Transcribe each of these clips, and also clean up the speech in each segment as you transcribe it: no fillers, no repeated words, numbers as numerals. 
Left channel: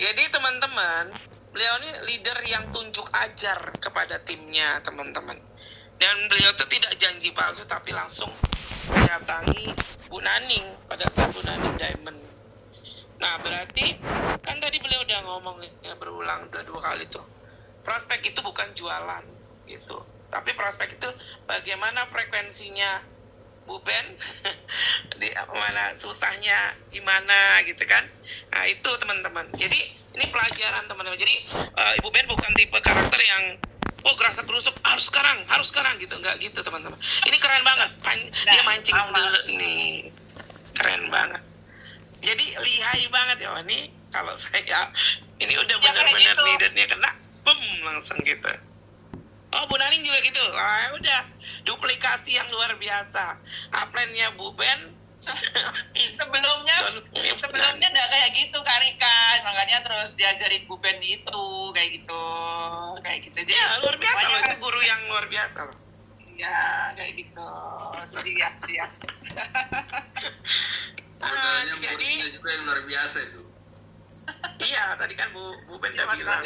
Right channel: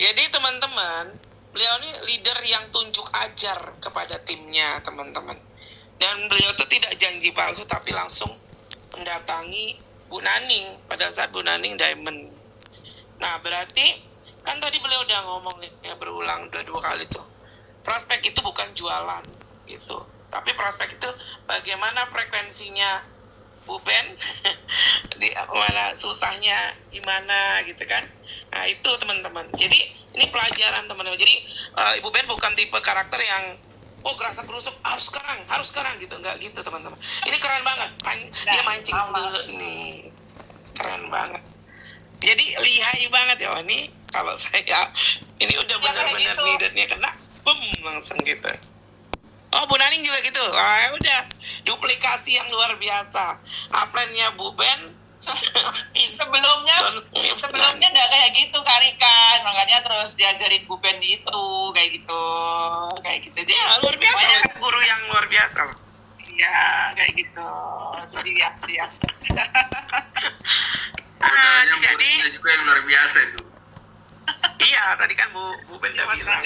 Jadi teman-teman, beliau ini leader yang tunjuk ajar kepada timnya teman-teman. Dan beliau itu tidak janji palsu tapi langsung mendatangi Bu Naning pada saat Bu Naning Diamond. Nah berarti kan tadi beliau udah ngomong ya, berulang dua kali tuh, prospek itu bukan jualan gitu, tapi prospek itu bagaimana frekuensinya Bu Ben di mana susahnya gimana gitu kan. Nah itu teman-teman, jadi ini pelajaran teman-teman. Jadi Ibu Ben bukan tipe karakter yang gerasa gerusuk harus sekarang gitu, nggak gitu teman-teman. Ini keren banget, dia mancing dulu nih, keren banget. Jadi lihai banget ya ini. Kalau saya ini udah benar-benar gitu. Leadernya kena, langsung gitu. Oh Bu Naning juga gitu. Udah duplikasi yang luar biasa. Upline-nya Bu Ben sebelumnya udah kayak gitu Karikan, makanya terus diajarin Bu Ben itu kayak gitu. Dia ya, luar biasa itu guru yang luar biasa loh. Iya kayak gitu. Siap. Jadi juga yang luar biasa itu. Iya, tadi kan Bu Ben udah bilang.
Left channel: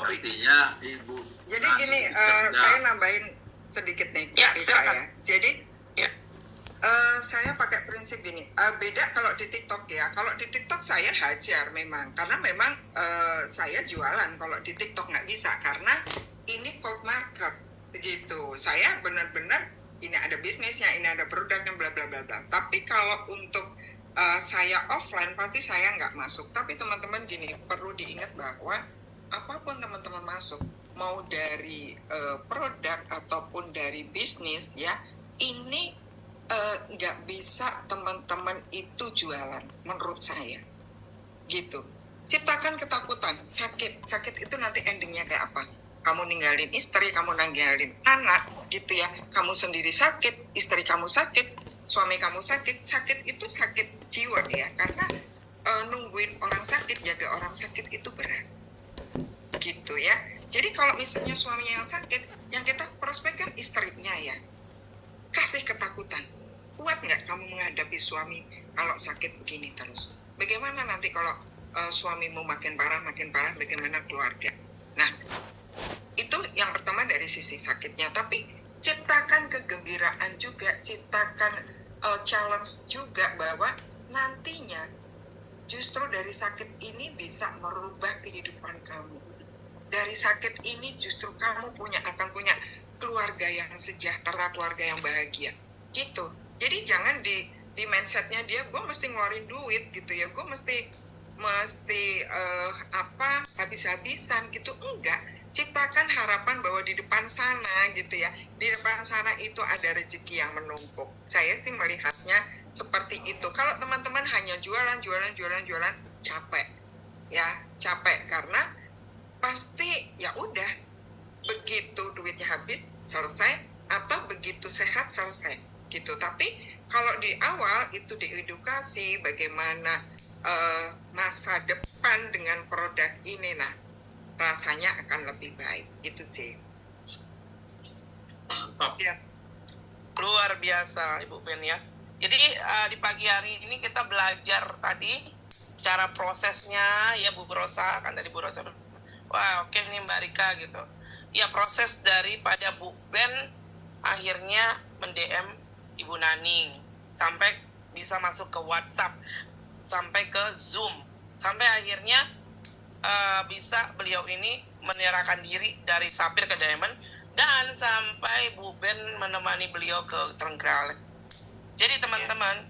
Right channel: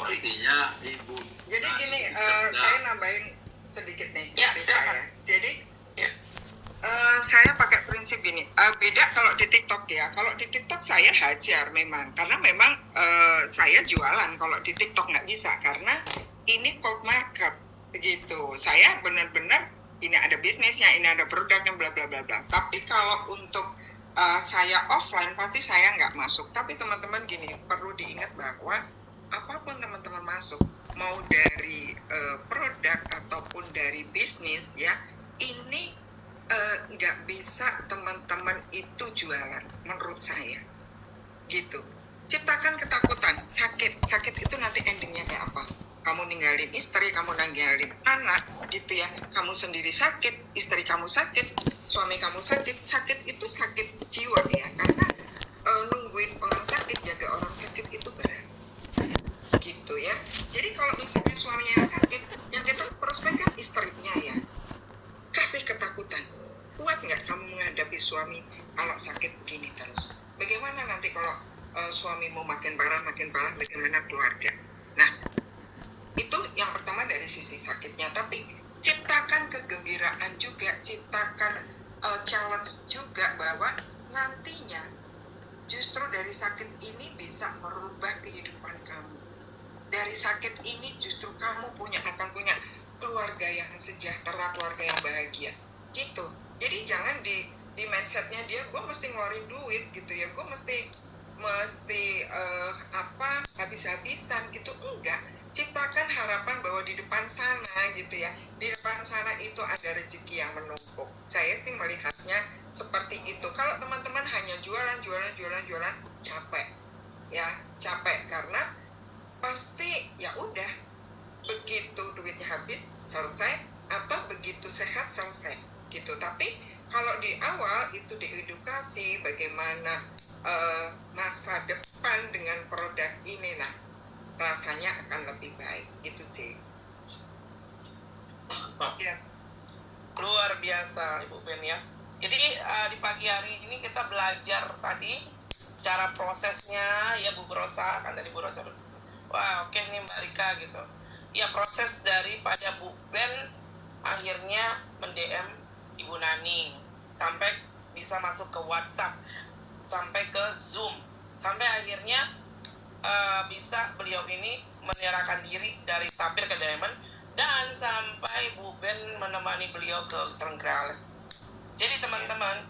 Artinya Ibu. Jadi gini, saya nambahin sedikit nih cerita ya. Jadi saya pakai prinsip gini. Beda kalau di TikTok ya. Kalau di TikTok saya hajar memang, karena memang saya jualan. Kalau di TikTok nggak bisa karena ini cold market begitu. Saya benar-benar ini ada bisnisnya, ini ada produknya, bla bla bla bla. Tapi kalau untuk saya offline pasti saya nggak masuk. Tapi teman-teman gini, perlu diingat bahwa apapun teman-teman masuk, mau dari produk ataupun dari bisnis ya, ini nggak bisa teman-teman itu jualan menurut saya. Gitu. Ciptakan ketakutan, sakit itu nanti endingnya kayak apa? Kamu ninggalin istri, kamu ninggalin anak, gitu ya. Kamu sendiri sakit, istri kamu sakit, suami kamu sakit. Sakit itu sakit jiwa ya, karena nungguin orang sakit, jaga orang sakit itu berat, gitu ya. Jadi kalau misalnya suaminya yang sakit, yang kita prospek kan istrinya ya. Kasih ketakutan. Kuat nggak kamu menghadapi suami kalau sakit begini terus? Bagaimana nanti kalau suamimu makin parah, bagaimana keluarga? Nah, itu yang pertama dari sisi sakitnya. Tapi ciptakan kegembiraan juga, ciptakan challenge juga bahwa nantinya justru dari sakit ini bisa merubah kehidupan kamu. Dari sakit ini justru kamu akan punya keluarga yang sejahtera, keluarga yang bahagia, gitu. Jadi jangan di mindsetnya dia, gue mesti ngeluarin duit gitu ya, gue mesti habis-habisan gitu. Enggak, ciptakan harapan bahwa di depan sana gitu ya, di depan sana itu ada rezeki yang menumpuk. Saya sih melihatnya seperti itu. Kalau teman-teman hanya jualan, capek karena pasti ya udah, begitu duitnya habis selesai, atau begitu sehat selesai gitu. Tapi kalau di awal itu diedukasi bagaimana masa depan dengan produk ini, nah rasanya akan lebih baik, gitu sih. Luar biasa Ibu Ben ya. Jadi di pagi hari ini kita belajar tadi cara prosesnya ya Bu Rosa, kan tadi Bu Rosa. Wah oke nih Mbak Rika gitu. Ya proses daripada Bu Ben akhirnya mendm Ibu Naning, sampai bisa masuk ke WhatsApp, sampai ke Zoom, sampai akhirnya bisa beliau ini menyerahkan diri dari Sapphire ke Diamond, dan sampai Bu Ben menemani beliau ke Trenggalek. Jadi teman-teman,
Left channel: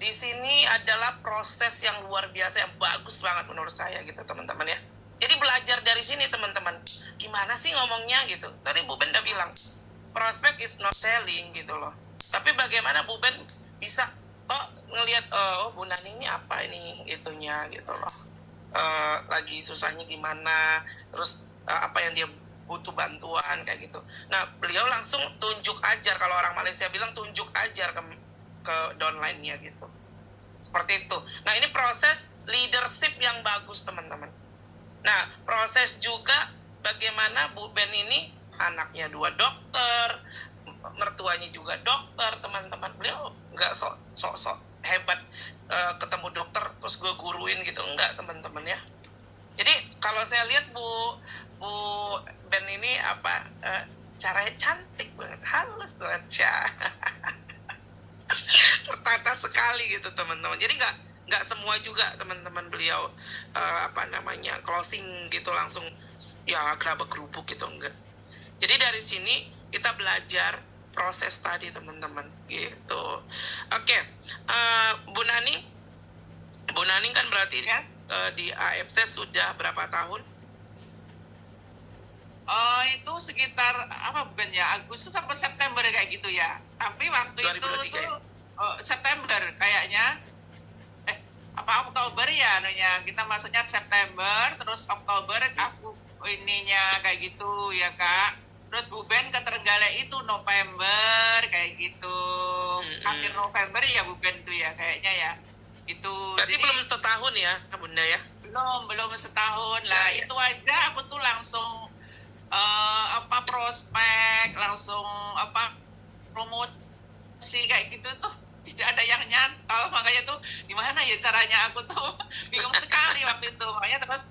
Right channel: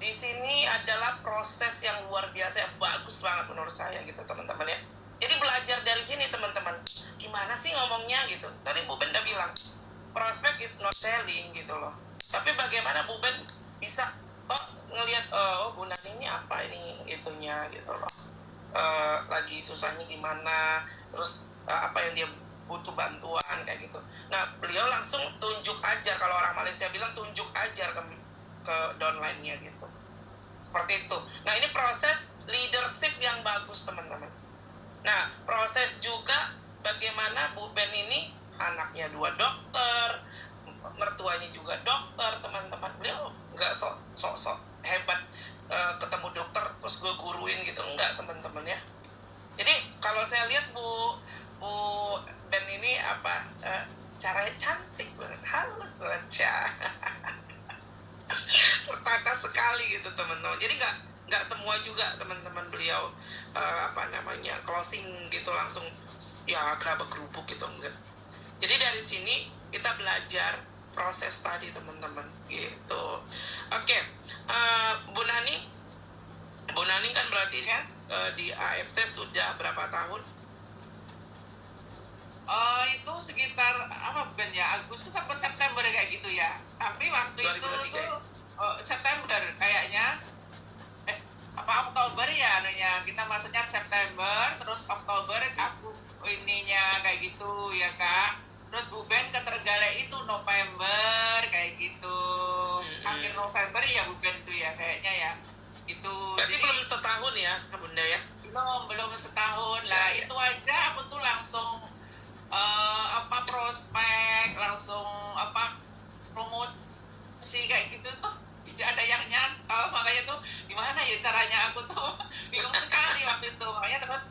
di sini adalah proses yang luar biasa, yang bagus banget menurut saya gitu teman-teman ya. Jadi belajar dari sini teman-teman, gimana sih ngomongnya gitu. Tadi Bu Ben udah bilang, prospect is not selling gitu loh. Tapi bagaimana Bu Ben bisa ngelihat Bu Naning ini apa ini itunya gitu loh. Lagi susahnya gimana, terus apa yang dia butuh bantuan kayak gitu. Nah beliau langsung tunjuk ajar, kalau orang Malaysia bilang tunjuk ajar ke downline-nya gitu. Seperti itu. Nah ini proses leadership yang bagus teman-teman. Nah proses juga bagaimana Bu Ben ini anaknya 2 dokter, mertuanya juga dokter teman-teman. Beliau nggak sok hebat ketemu dokter terus gue guruin gitu, enggak teman-teman ya. Jadi kalau saya lihat Bu dan ini caranya cantik banget, halus aja. Tertata sekali gitu teman-teman. Jadi nggak semua juga teman-teman beliau closing gitu langsung ya gerabak kerupuk gitu, enggak. Jadi dari sini kita belajar proses tadi teman-teman gitu. Oke, Bu Nani kan berarti ya di AFC sudah berapa tahun? Itu sekitar Ben ya, Agustus sampai September kayak gitu ya. Tapi waktu 2023 itu tuh ya? September kayaknya. Oktober ya anunya. Kita masuknya September, terus Oktober aku ininya kayak gitu ya Kak. Terus Bu Ben ke Trenggalek itu November kayak gitu. Akhir November ya Bu Ben tuh ya kayaknya ya. Itu Berarti belum setahun ya Bunda ya? belum setahun lah. Ya. Itu aja aku tuh langsung prospek, langsung promosi kayak gitu tuh tidak ada yang nyantol. Makanya tuh gimana ya caranya, aku tuh bingung sekali waktu itu. Makanya terus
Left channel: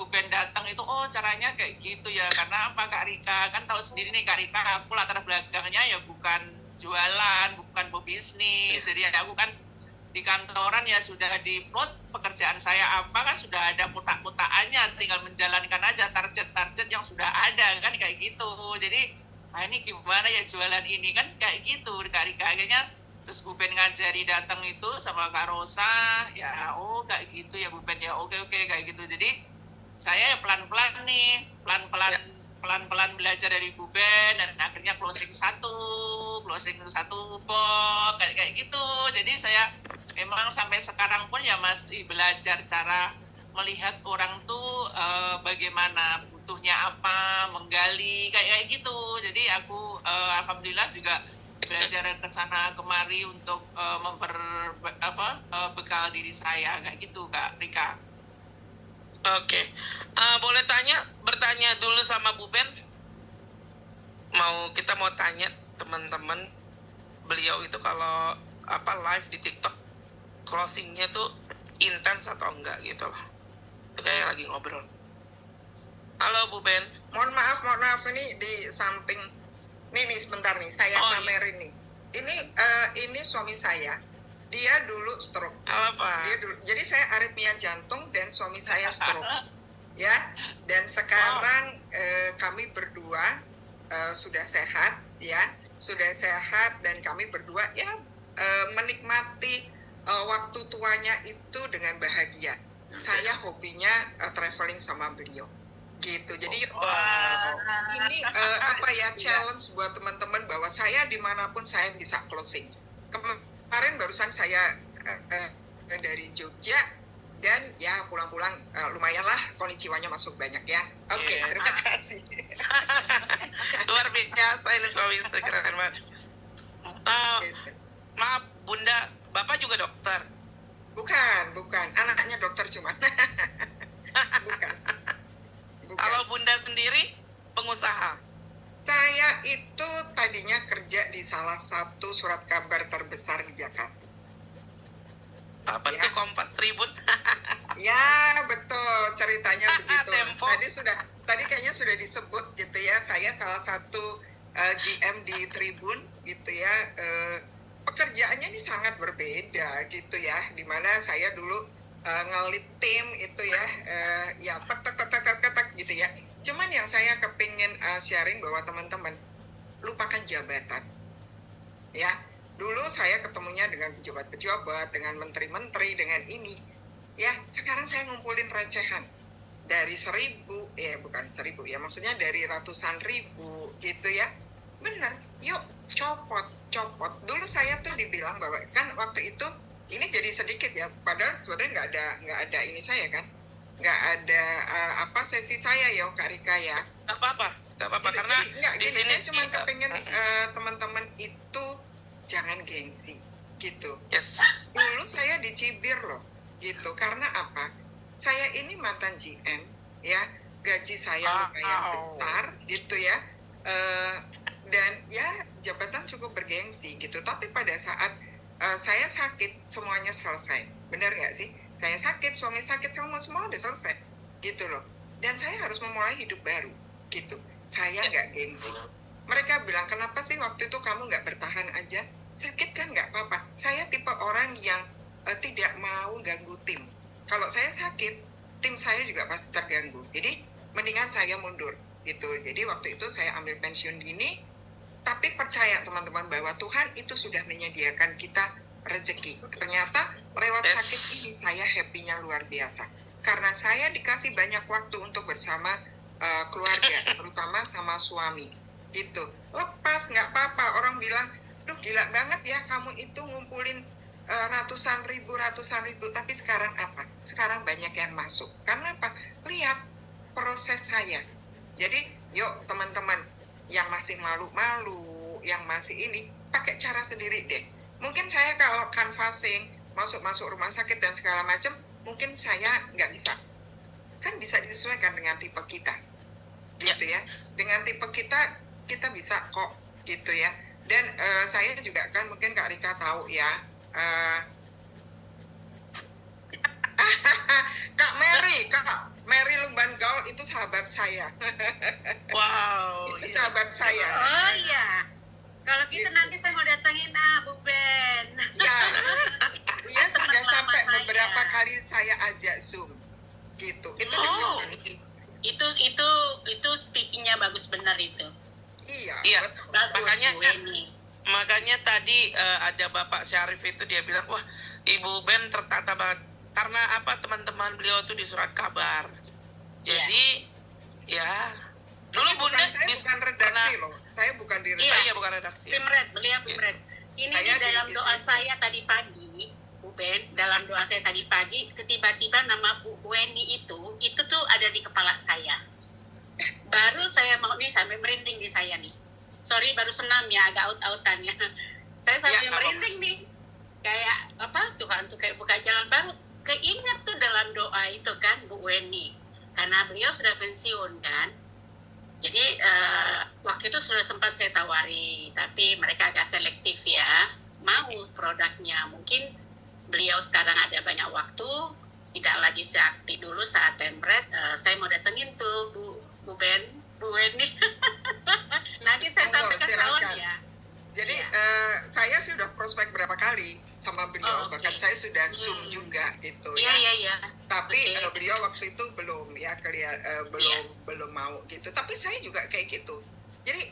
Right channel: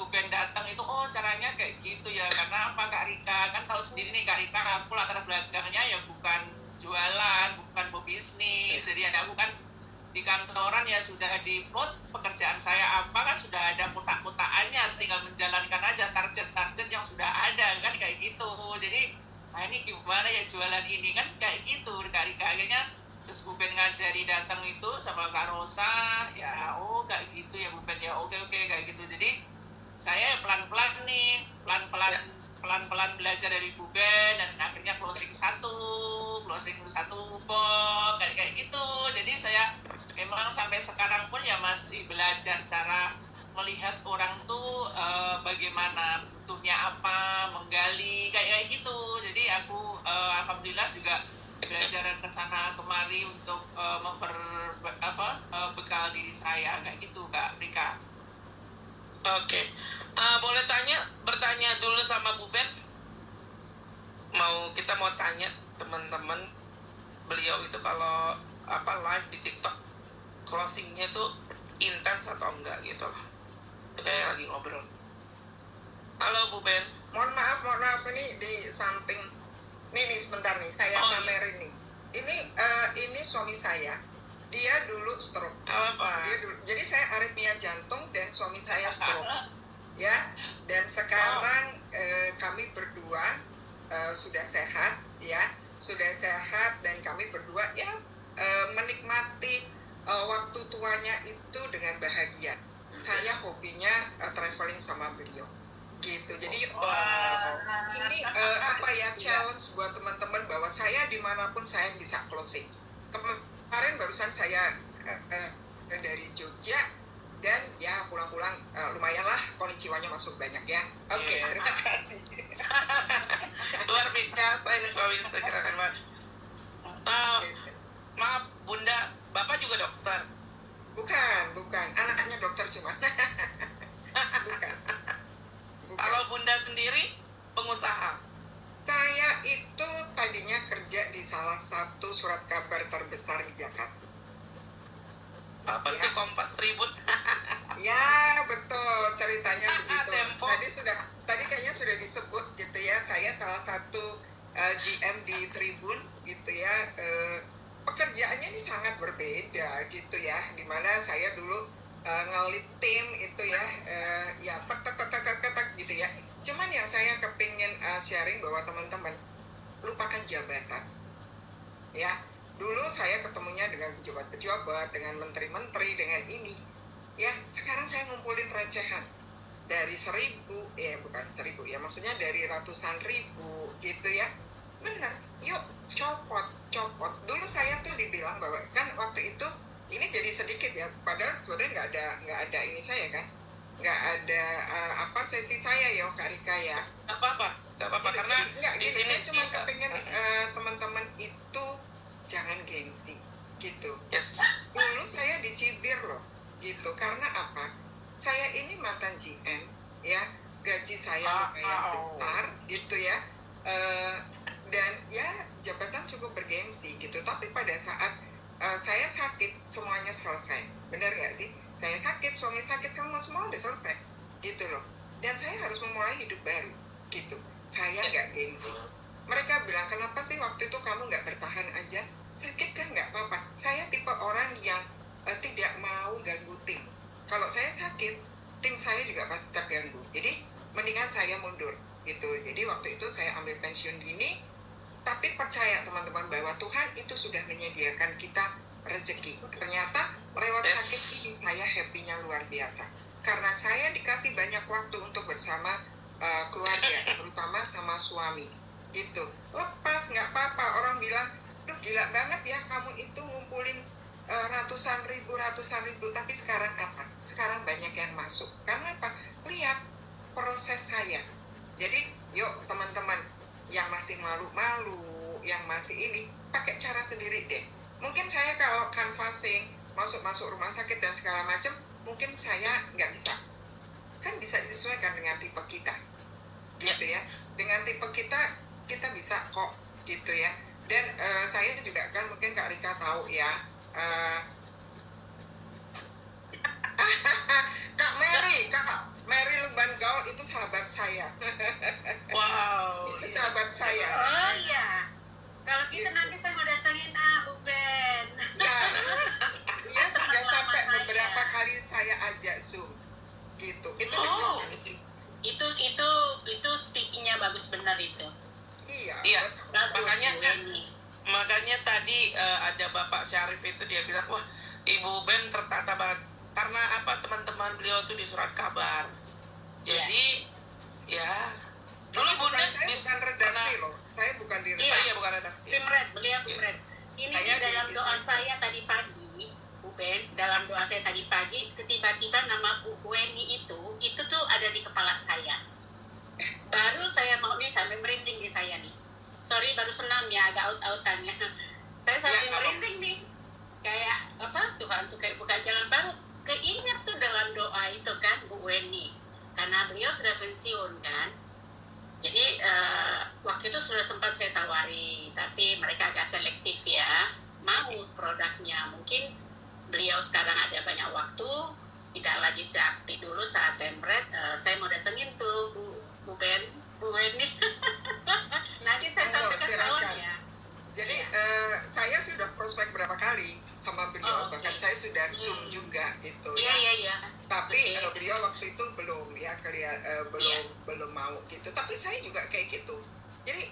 Bu Ben datang itu, caranya kayak gitu ya. Karena apa, Kak Rika kan tahu sendiri nih Kak Rika, aku latar belakangnya ya bukan jualan, bukan pebisnis. Jadi aku kan di kantoran ya sudah di-plot pekerjaan saya apa kan sudah ada mutak-mutakannya, tinggal menjalankan aja target-target yang sudah ada kan kayak gitu. Jadi ini gimana ya jualan ini kan kayak gitu Kak Rika. Akhirnya terus Bu Ben ngajari datang itu sama Kak Rosa ya, kayak gitu ya Bu Ben ya, oke kayak gitu. Jadi saya ya pelan-pelan belajar dari Bu Ben, dan akhirnya closing satu box kayak gitu. Jadi saya memang sampai sekarang pun ya masih belajar cara melihat orang tuh bagaimana butuhnya apa, menggali kayak gitu. Jadi aku alhamdulillah juga belajar ke sana kemari untuk bekal diri saya kayak gitu Kak Rika. Oke. Boleh bertanya dulu sama Bu Ben? Kita mau tanya teman-teman, beliau itu kalau live di TikTok closingnya tuh intens atau enggak gitu loh. Itu kayak lagi ngobrol. Halo Bu Ben. Mohon maaf ini di samping. Nih sebentar nih, saya pamerin nih. Ini suami saya. Dia dulu stroke. Apa? Jadi saya aritmia jantung dan suami saya stroke. Ya. Dan sekarang kami berdua sudah sehat ya. Sudah sehat dan kami berdua ya menikmati waktu tuanya itu dengan bahagia. Saya hobinya traveling sama beliau. Gitu. Jadi ini challenge buat teman-teman bahwa saya dimanapun saya bisa closing. Kemarin barusan saya dari Jogja dan ya pulang-pulang lumayanlah konnichiwa-nya masuk banyak ya. Oke, terima kasih. Luar biasa ini suami Instagram banget. Maaf Bunda, Bapak juga dokter? Bukan. Anaknya dokter cuma. Bukan. Kalau Bunda sendiri pengusaha? Saya itu tadinya kerja di salah satu surat kabar terbesar di Jakarta. Apa itu Kompas Tribun? Ya betul, ceritanya begitu. Tempo. Tadi kayaknya sudah disebut gitu ya. Saya salah satu GM di Tribun gitu ya. Pekerjaannya ini sangat berbeda gitu ya. Dimana saya dulu ngelit tim itu ya tek gitu ya. Cuman yang saya kepingin sharing bahwa teman-teman lupakan jabatan ya. Dulu saya ketemunya dengan pejabat-pejabat, dengan menteri-menteri, dengan ini ya. Sekarang saya ngumpulin recehan dari 1.000 bukan 1.000 ya, maksudnya dari ratusan ribu gitu ya. Bener, yuk copot. Dulu saya tuh dibilang bahwa kan waktu itu ini jadi sedikit ya, padahal sebenarnya nggak ada ini saya kan, nggak ada sesi saya ya Kak Rika ya. Nggak apa-apa Gitu, karena di sini saya cuma kepengen teman-teman itu jangan gengsi gitu. Yes. Dulu saya dicibir loh gitu, karena apa? Saya ini mantan GM ya, gaji saya lumayan besar gitu ya, dan ya jabatan cukup bergengsi gitu. Tapi pada saat saya sakit semuanya selesai, benar nggak sih? Saya sakit, suami sakit, semua udah selesai, gitu loh. Dan saya harus memulai hidup baru, gitu. Saya nggak gengsi. Mereka bilang, kenapa sih waktu itu kamu nggak bertahan aja? Sakit kan nggak apa-apa. Saya tipe orang yang tidak mau ganggu tim. Kalau saya sakit, tim saya juga pasti terganggu. Jadi mendingan saya mundur, gitu. Jadi waktu itu saya ambil pensiun dini, tapi percaya teman-teman bahwa Tuhan itu sudah menyediakan kita rezeki. Ternyata lewat sakit ini saya happy-nya luar biasa. Karena saya dikasih banyak waktu untuk bersama keluarga, terutama sama suami. Gitu. Lepas, nggak apa-apa. Orang bilang, duh gila banget ya kamu itu ngumpulin ratusan ribu. Tapi sekarang apa? Sekarang banyak yang masuk. Karena apa? Lihat proses saya. Jadi, yuk teman-teman yang masih malu-malu, yang masih ini, pakai cara sendiri deh. Mungkin saya kalau canvassing, masuk rumah sakit dan segala macam, mungkin saya nggak bisa. Kan bisa disesuaikan dengan tipe kita. Gitu ya. Dengan tipe kita bisa kok, gitu ya. Dan saya juga kan, mungkin Kak Rika tahu ya, Kak Mary Lumban Gaul itu sahabat saya. Wow. Itu sahabat saya. Oh iya. Kalau gitu nanti saya mau datangin Bu Ben. Ya, dia sudah Teman sampai lama beberapa saya. kali saya ajak Zoom. Gitu. Itu Oh. Itu speakingnya bagus benar itu. Iya. Iya. betul. Bagus Makanya tadi ada Bapak Syarif itu dia bilang, wah Ibu Ben tertata banget. Karena apa, teman-teman beliau tuh di surat kabar. Jadi ya dulu Ini Bunda saya bisa bukan redaksi loh. Saya bukan di redaksi. Iya bukan redaksi. Pimret, beliau Pimret. Ini Saya di dalam di doa bisnis. saya tadi pagi, Bu Ben, dalam doa saya tadi pagi, tiba-tiba nama Bu Weni itu tuh ada di kepala saya. Baru saya mau nih, sampai merinding di saya nih. Sorry, baru senam ya, agak out-outannya. Saya sampai Ya, apa? merinding nih. Kayak, apa, Tuhan tuh kayak buka jalan baru. Keinget tuh dalam doa itu kan, Bu Weni. Karena beliau sudah pensiun kan. Jadi, waktu itu sudah sempat saya tawari, tapi mereka agak selektif ya. Mau produknya. Mungkin beliau sekarang ada banyak waktu, tidak lagi seaktif dulu saat Pemret. Saya mau datengin tuh Bu Weni. Nanti saya sampai ke silakan. salon ya. Jadi Iya. saya sudah prospek berapa kali sama beliau, Oh, oke. bahkan saya sudah Zoom juga gitu Iya, ya. iya. Tapi Oke. beliau waktu itu belum ya, belum mau gitu. Tapi saya juga kayak gitu. Jadi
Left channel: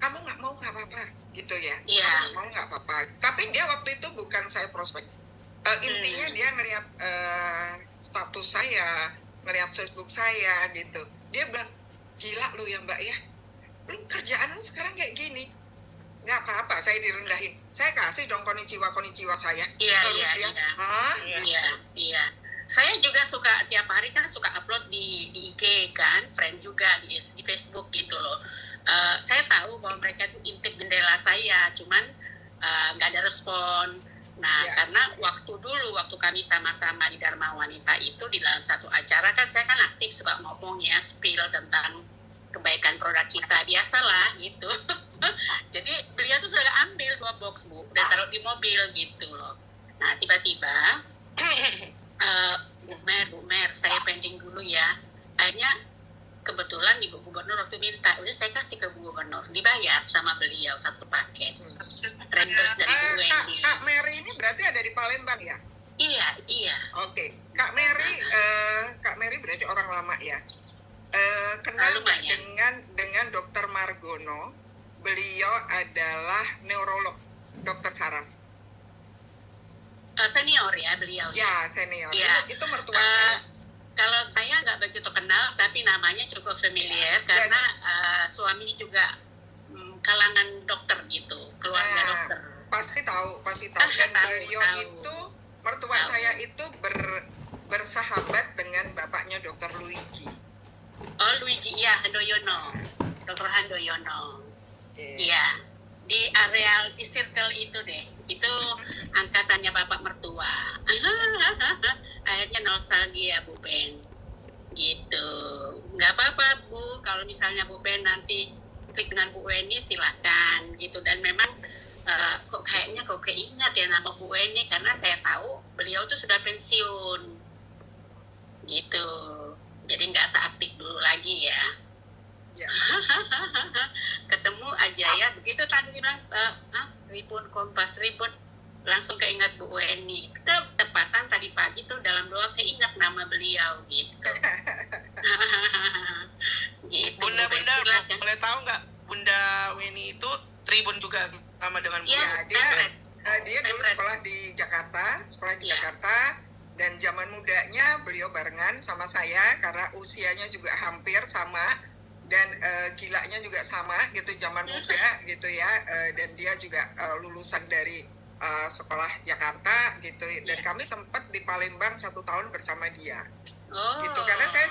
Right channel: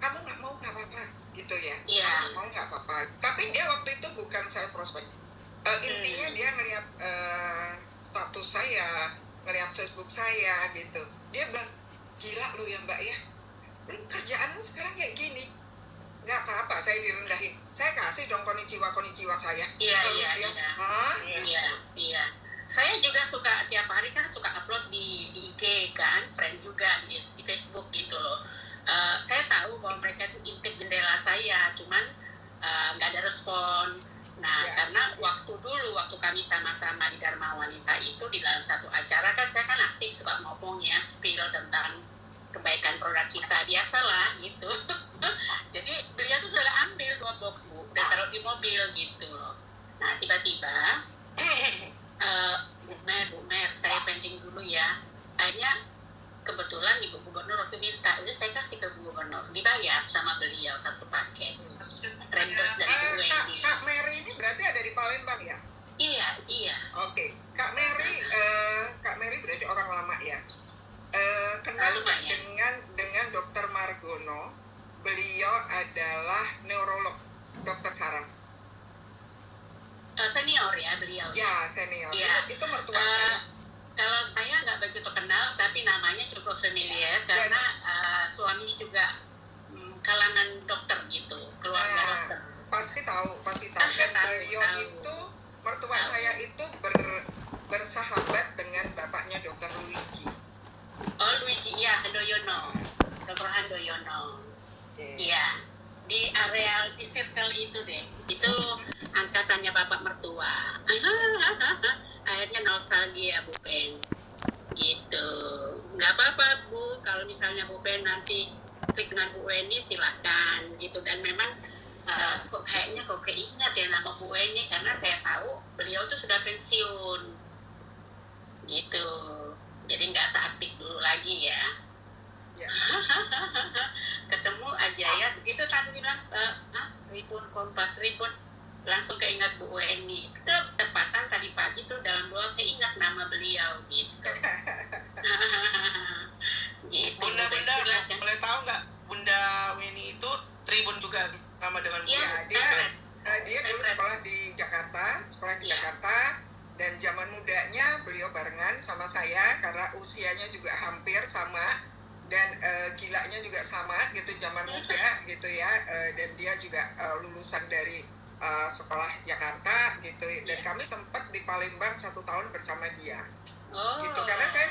kamu nggak mau nggak apa-apa gitu ya. Iya. Kamu mau nggak apa-apa. Tapi dia waktu itu bukan saya prospek. Intinya dia ngelihat status saya, ngelihat Facebook saya gitu. Dia bilang, gila lu ya Mbak ya. Lu kerjaan lu sekarang kayak gini. Nggak apa-apa, saya direndahin. Saya kasih dong konnichiwa saya. Iya, Lalu iya, dia, iya. hah? Iya. Saya juga suka tiap hari kan suka upload di IG kan, friend juga di Facebook gitu loh. Saya tahu bahwa mereka itu intip jendela saya, cuman nggak ada respon. Nah, Ya. karena waktu kami sama-sama di Dharma Wanita itu di dalam satu acara kan saya kan aktif suka ngomong ya, spill tentang kebaikan produk kita, biasalah gitu. Jadi beliau tuh sudah ambil 2 box Bu, udah taruh di mobil gitu loh. Nah tiba-tiba Bu Mer, saya pending dulu ya. Akhirnya kebetulan Ibu Gubernur waktu minta, udah saya kasih ke Bu Gubernur, dibayar sama beliau 1 paket. Reimburse dari Bu Wendy. Kak Mary ini berarti ada di Palembang ya? Iya. Oke. Kak Mary berarti orang lama ya? Kenal Lumayan. dengan Dokter Margono. Beliau adalah neurolog, Dokter Sarah. Senior ya beliau. Ya, senior. Iya. Itu mertua saya. Kalau saya nggak begitu kenal, tapi namanya cukup familiar karena suami juga kalangan dokter gitu, keluarga Nah, dokter. Pasti tahu. Dan beliau tahu. itu, mertua Tahu. saya itu bersahabat dengan bapaknya Dokter Luigi. Oh Luigi, iya Handoyono, Dokter Handoyono. Iya, di area di circle itu deh, itu angkatannya bapak mertua. Akhirnya nostalgia Bu Ben, gitu. Nggak apa-apa Bu, kalau misalnya Bu Ben nanti klik dengan Bu Weni silakan gitu. Dan memang kok keingat ya nama Bu Eni, karena saya tahu beliau tuh sudah pensiun gitu, jadi nggak seaktif dulu lagi ya. Ya. Ketemu aja ya begitu tadi bilang Tribun Kompas Tribun, langsung keingat Bu Eni. Ketepatan tadi pagi tuh dalam doa keingat nama beliau gitu. Gitu. Bunda Silakan. boleh tahu nggak Bunda Weni itu Tribun juga sama dengan Iya, Bunda? Dia dulu sekolah di Jakarta, Iya. dan zaman mudanya beliau barengan sama saya karena usianya juga hampir sama dan gilanya juga sama gitu zaman muda gitu ya, dan dia juga lulusan dari sekolah Jakarta gitu, dan kami sempat di Palembang 1 tahun bersama dia gitu, karena saya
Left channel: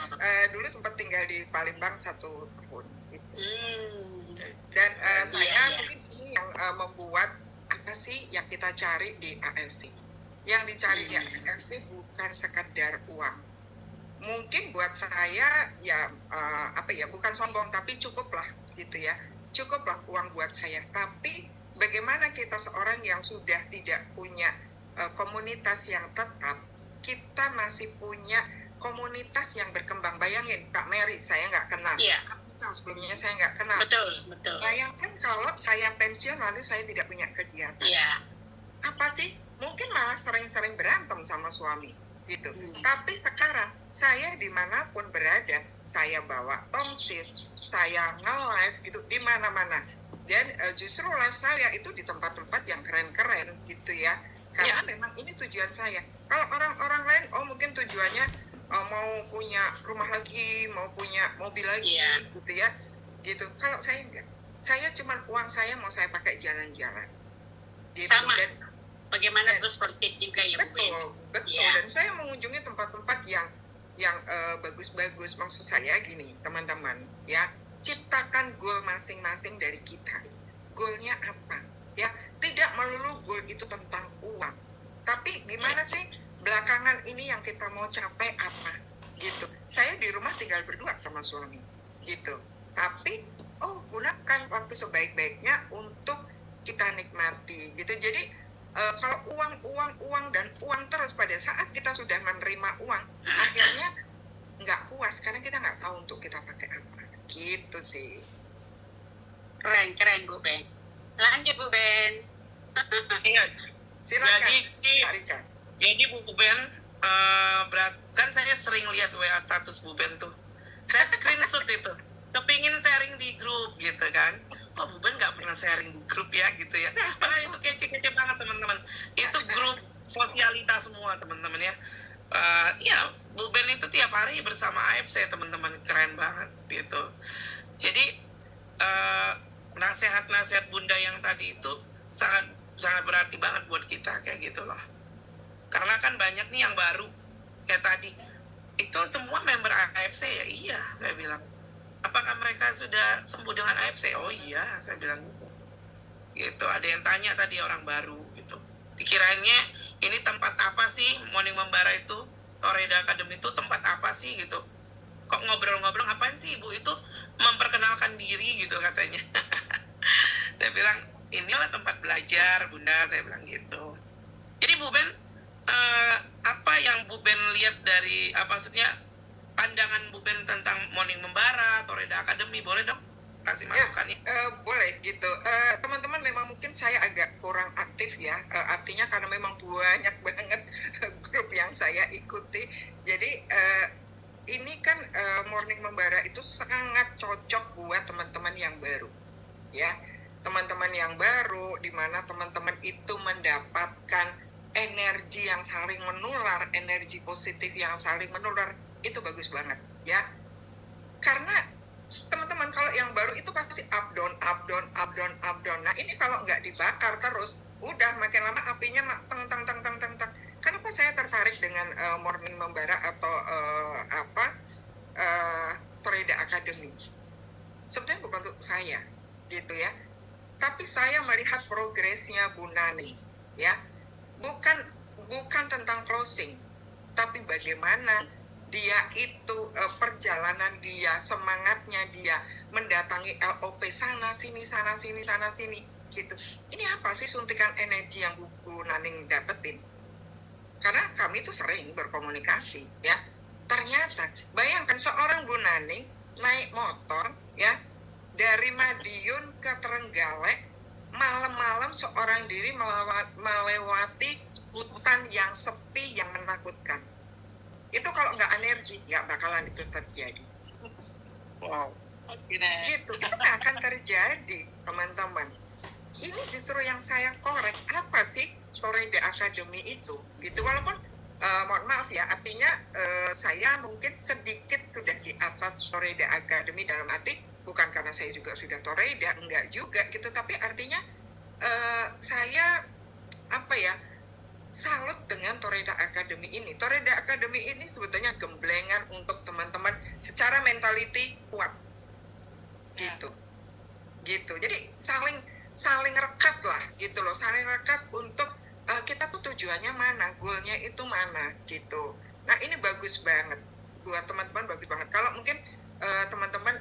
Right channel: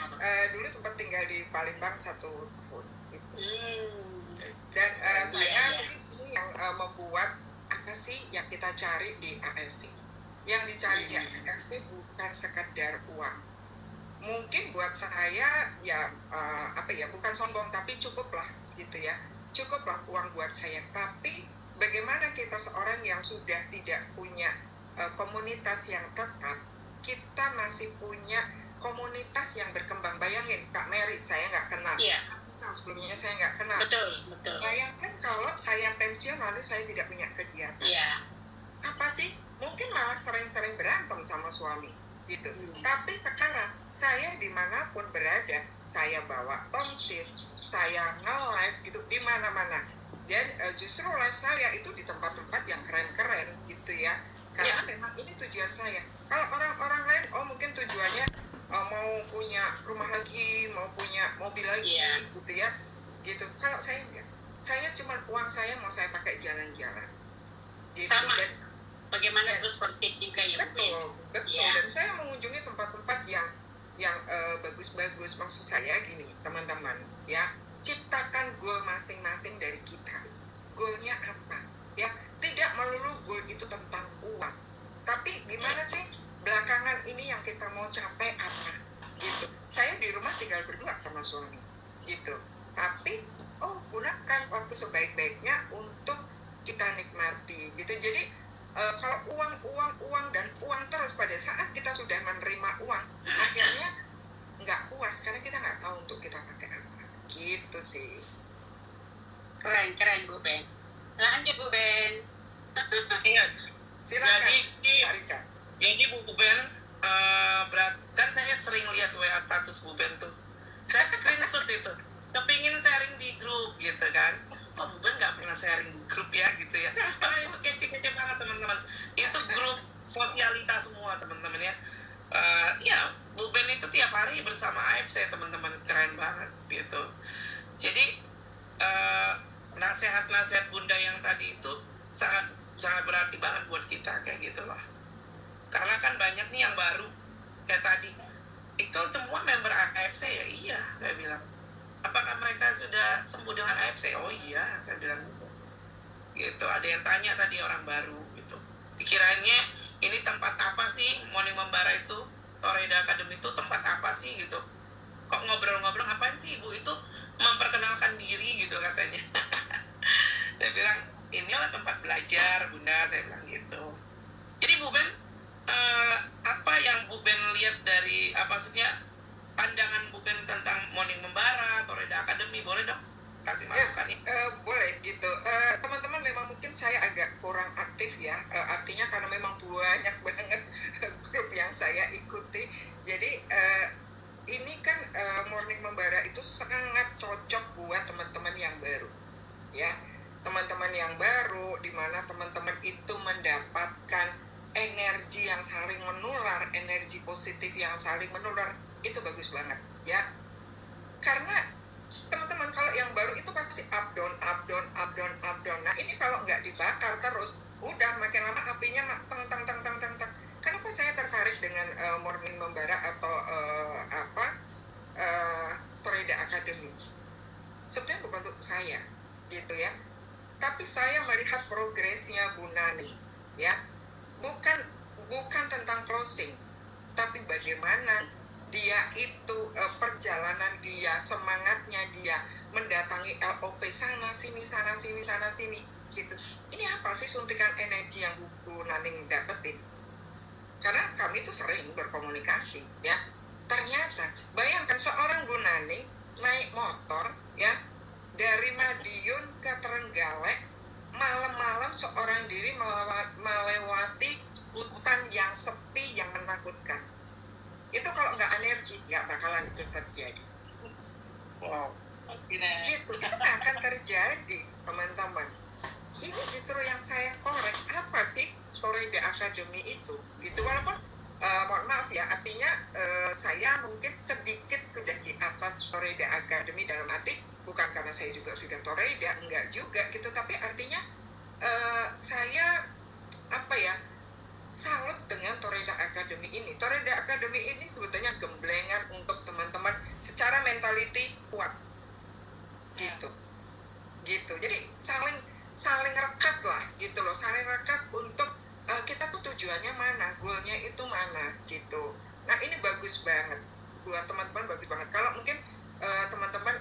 dulu sempat tinggal di Palembang 1 tahun gitu. Dan saya mungkin ini yang membuat apa sih yang kita cari di AFC. Yang dicari di AFC bukan sekedar uang. Mungkin buat saya ya bukan sombong, tapi cukuplah gitu ya. Cukuplah uang buat saya. Tapi bagaimana kita seorang yang sudah tidak punya komunitas yang tetap, kita masih punya komunitas yang berkembang. Bayangin Kak Mary, saya nggak kenal. Iya. Sebelumnya saya nggak kenal. Betul. Bayangkan kalau saya pensiun lalu saya tidak punya kegiatan. Iya. Apa sih? Mungkin malah sering-sering berantem sama suami gitu. Tapi sekarang saya dimanapun berada, saya bawa tongsis, saya nge-live gitu di mana-mana. Dan justru live saya itu di tempat-tempat yang keren-keren gitu ya. Karena memang ini tujuan saya. Kalau orang-orang lain, mungkin tujuannya mau punya rumah lagi, mau punya mobil lagi, gitu ya, gitu. Kalau saya enggak, saya cuma uang saya mau saya pakai jalan-jalan. Gitu. Sama. Dan, Bagaimana terus produktif juga ya Bu Ben? betul. Ya. Dan saya mengunjungi tempat-tempat yang bagus-bagus. Maksud saya gini, teman-teman, ya, ciptakan goal masing-masing dari kita. Goalnya apa? Ya, tidak melulu goal itu tentang uang. Tapi gimana sih? Belakangan ini yang kita mau capai apa gitu. Saya di rumah tinggal berdua sama suami gitu, tapi gunakan waktu sebaik-baiknya untuk kita nikmati gitu. Jadi kalau uang dan uang terus, pada saat kita sudah menerima uang akhirnya nggak puas karena kita nggak tahu untuk kita pakai apa gitu sih. Keren Bu Ben. Lanjut Bu Ben. Ingat, Silakan Jadi- Kak Rika. jadi Bu Ben, kan saya sering lihat WA status Bu Ben tuh. Saya screenshot itu, kepingin sharing di grup gitu kan. Bu Ben nggak pernah sharing di grup ya gitu ya. Itu kece-kece banget teman-teman. Itu grup sosialitas semua teman-teman ya. Ya, Bu Ben itu tiap hari bersama AFC teman-teman, keren banget gitu. Jadi nasihat-nasihat Bunda yang tadi itu sangat berarti banget buat kita kayak gitu loh. Karena kan banyak nih yang baru kayak tadi, itu semua member AFC ya. Iya, saya bilang, apakah mereka sudah sembuh dengan AFC? Oh iya, saya bilang gitu. Ada yang tanya tadi, orang baru gitu, dikiranya ini tempat apa sih, Morning Membara itu, Toreda Academy itu tempat apa sih gitu, kok ngobrol-ngobrol ngapain sih Ibu? Itu memperkenalkan diri gitu katanya. Saya bilang inilah tempat belajar Bunda, saya bilang gitu. Jadi Bu Ben, apa yang Bu Ben lihat dari maksudnya pandangan Bu Ben tentang Morning Membara, Toreda Academy, boleh dong kasih masukan ya? Boleh gitu. Teman-teman, memang mungkin saya agak kurang aktif ya, artinya karena memang banyak banget grup yang saya ikuti. Jadi ini kan Morning Membara itu sangat cocok buat teman-teman yang baru ya. Teman-teman yang baru, di mana teman-teman itu mendapatkan energi yang saling menular, energi positif yang saling menular, itu bagus banget ya. Karena teman-teman kalau yang baru itu pasti up down. Nah ini kalau nggak dibakar terus, udah makin lama apinya teng. Kenapa saya tertarik dengan Morning Membara atau Toreda Academy? Sebetulnya bukan untuk saya gitu ya, tapi saya melihat progresnya Bu Nani ya. Bukan tentang closing, tapi bagaimana dia itu perjalanan dia, semangatnya dia mendatangi LOP sana sini, gitu. Ini apa sih suntikan energi yang Bu Naning dapetin? Karena kami itu sering berkomunikasi ya. Ternyata bayangkan seorang Bu Naning naik motor ya dari Madiun ke Trenggalek, malam-malam seorang diri melewati hutan yang sepi yang menakutkan. Itu kalau nggak energi nggak bakalan itu terjadi. Wow. Gitu, itu nggak akan terjadi, teman-teman. Ini justru yang saya korek, apa sih Toreda Academy itu? Gitu, walaupun mohon maaf ya, artinya saya mungkin sedikit sudah di atas Toreda Academy, dalam arti bukan karena saya juga sudah Toreda, enggak juga gitu, tapi artinya saya apa ya, salut dengan Toreda Academy ini. Toreda Academy ini sebetulnya gemblengan untuk teman-teman secara mentality kuat. Gitu. Jadi saling rekat lah gitu loh, saling rekat untuk kita tuh tujuannya mana, goalnya itu mana gitu. Nah ini bagus banget buat teman-teman, bagus banget. Kalau mungkin teman-teman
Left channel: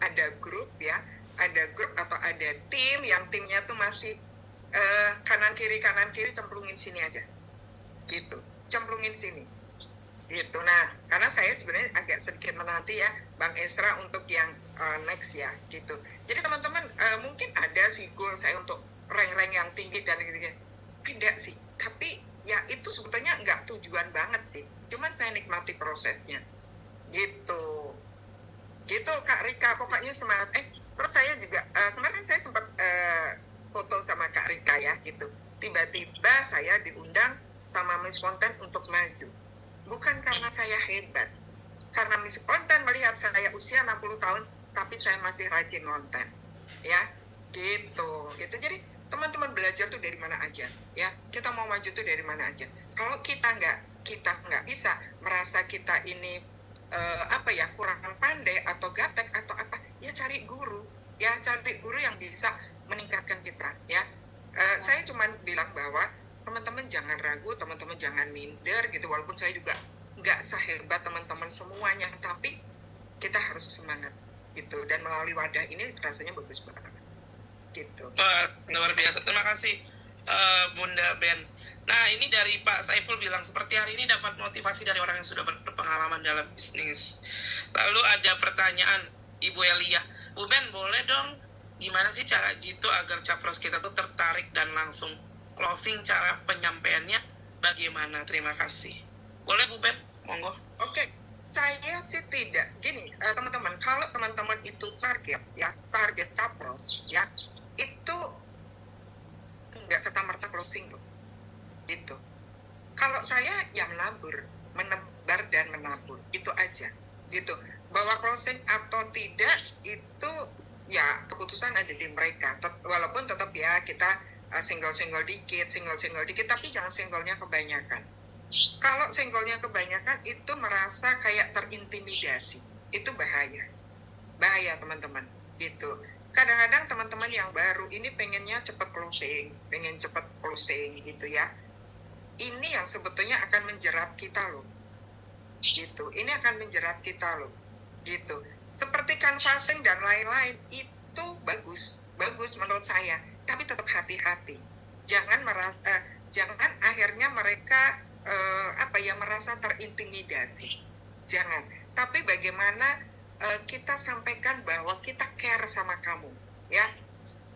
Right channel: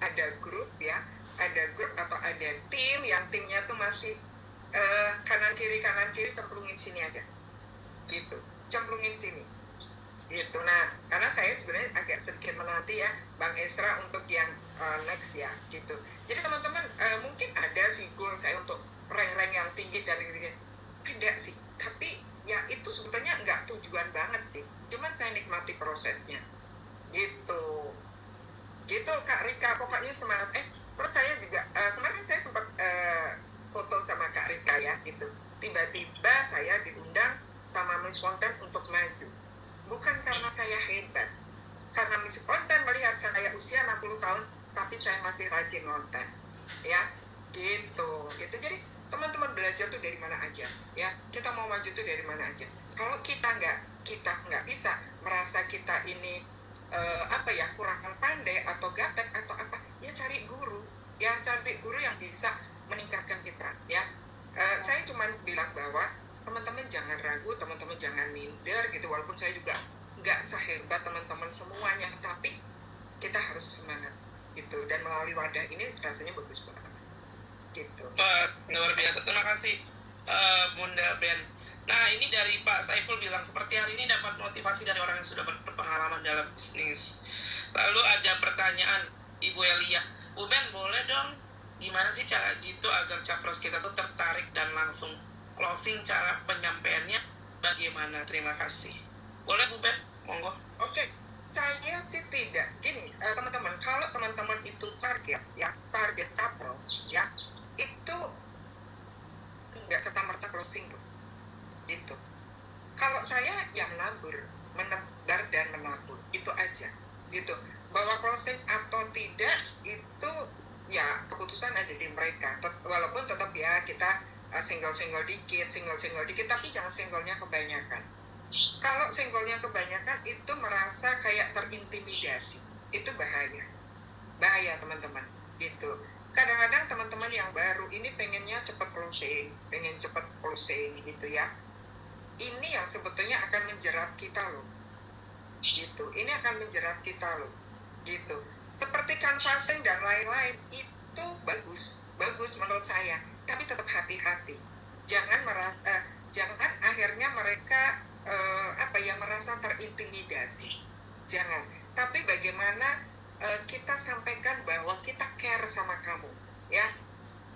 ada grup ya, ada grup atau ada tim yang timnya tuh masih kanan kiri cemplungin sini aja gitu, cemplungin sini gitu. Nah karena saya sebenarnya agak sedikit menanti ya Bang Esra untuk yang next ya gitu. Jadi teman-teman mungkin ada sih goal saya untuk rank yang tinggi dan gitu-gitu, ada sih, tapi ya itu sebetulnya nggak tujuan banget sih, cuman saya nikmati prosesnya gitu Kak Rika, pokoknya semangat. Terus saya juga kemarin saya sempat foto sama Kak Rika ya gitu, tiba-tiba saya diundang sama Miss Konten untuk maju, bukan karena saya hebat, karena Miss Konten melihat saya usia 60 tahun tapi saya masih rajin nonton ya gitu. Jadi teman-teman belajar tuh dari mana aja ya, kita mau maju tuh dari mana aja. Kalau kita nggak bisa merasa kita ini kurang pandai atau gaptek atau apa, ya cari guru yang bisa meningkatkan kita ya. Saya cuma bilang bahwa teman-teman jangan ragu, teman-teman jangan minder gitu, walaupun saya juga nggak sehebat teman-teman semuanya, tapi kita harus semangat gitu, dan melalui wadah ini rasanya bagus banget gitu. Luar biasa, terima kasih Bunda Ben. Nah ini dari Pak Saiful bilang seperti hari ini dapat motivasi dari orang yang sudah berpengalaman dalam bisnis. Lalu ada pertanyaan Ibu Elia, Bu Ben boleh dong gimana sih cara gitu agar capres kita tuh tertarik dan langsung closing, cara penyampaiannya bagaimana? Terima kasih. Boleh Bu Ben, monggo. Oke. Saya sih tidak gini, teman-teman, kalau teman-teman itu target capres ya, itu nggak serta-merta closing loh gitu. Kalau saya yang menebar dan menabur itu aja gitu. Bahwa closing atau tidak itu ya keputusan ada di mereka, walaupun tetap ya kita single dikit, tapi jangan singlenya kebanyakan. Kalau senggolnya kebanyakan itu merasa kayak terintimidasi, itu bahaya teman-teman gitu. Kadang-kadang teman-teman yang baru ini pengen cepat closing gitu ya, ini yang sebetulnya akan menjerat kita loh gitu, gitu. Seperti canvassing dan lain-lain itu bagus menurut saya, tapi tetap hati-hati, jangan akhirnya mereka merasa terintimidasi, jangan. Tapi bagaimana kita sampaikan bahwa kita care sama kamu ya,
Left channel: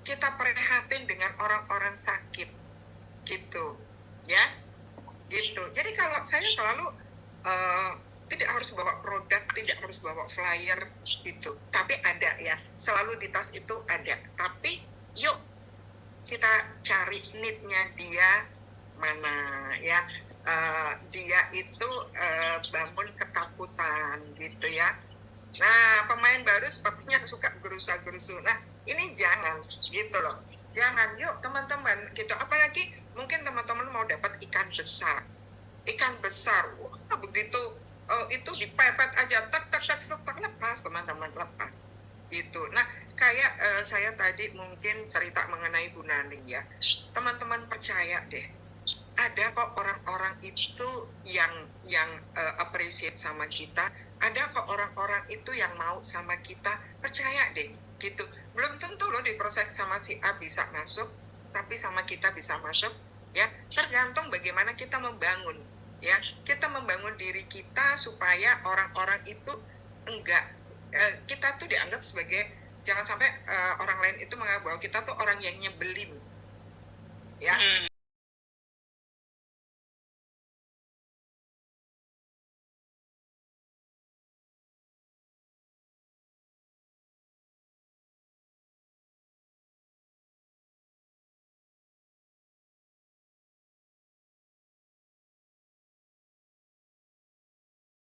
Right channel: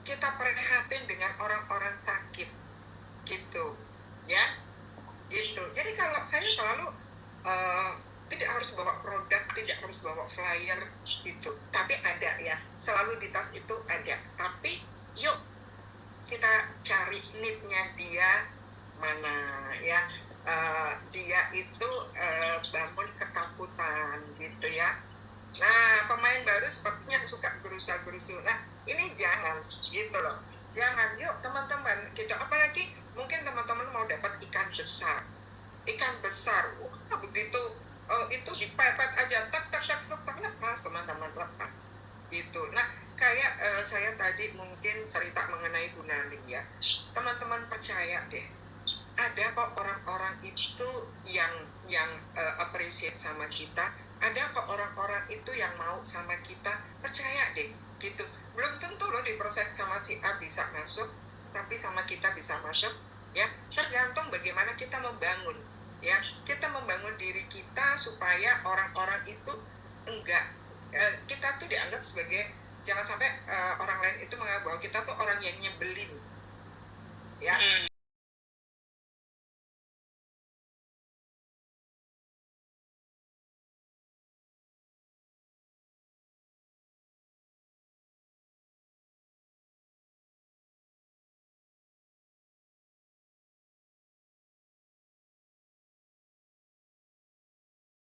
kita prihatin dengan orang-orang sakit gitu ya gitu. Jadi kalau saya selalu tidak harus bawa produk, tidak harus bawa flyer gitu, tapi ada ya, selalu di tas itu ada, tapi yuk kita cari need-nya dia mana ya. Dia itu bangun ketakutan gitu ya. Nah pemain baru sepertinya suka gerusa-gerusu. Nah ini jangan gitu loh, jangan. Yuk teman-teman gitu, apalagi mungkin teman-teman mau dapat ikan besar, wah begitu itu dipepet aja tak lepas, teman-teman lepas gitu. Nah kayak saya tadi mungkin cerita mengenai Bu Naning ya, teman-teman percaya deh, ada kok orang-orang itu yang appreciate sama kita, ada kok orang-orang itu yang mau sama kita, percaya deh gitu. belum tentu loh di proses sama si A bisa masuk, tapi sama kita bisa masuk, ya. Tergantung bagaimana kita membangun, ya. Kita membangun diri kita supaya orang-orang itu enggak, kita tuh dianggap sebagai, jangan sampai orang lain itu menganggap bahwa kita tuh orang yang nyebelin, ya.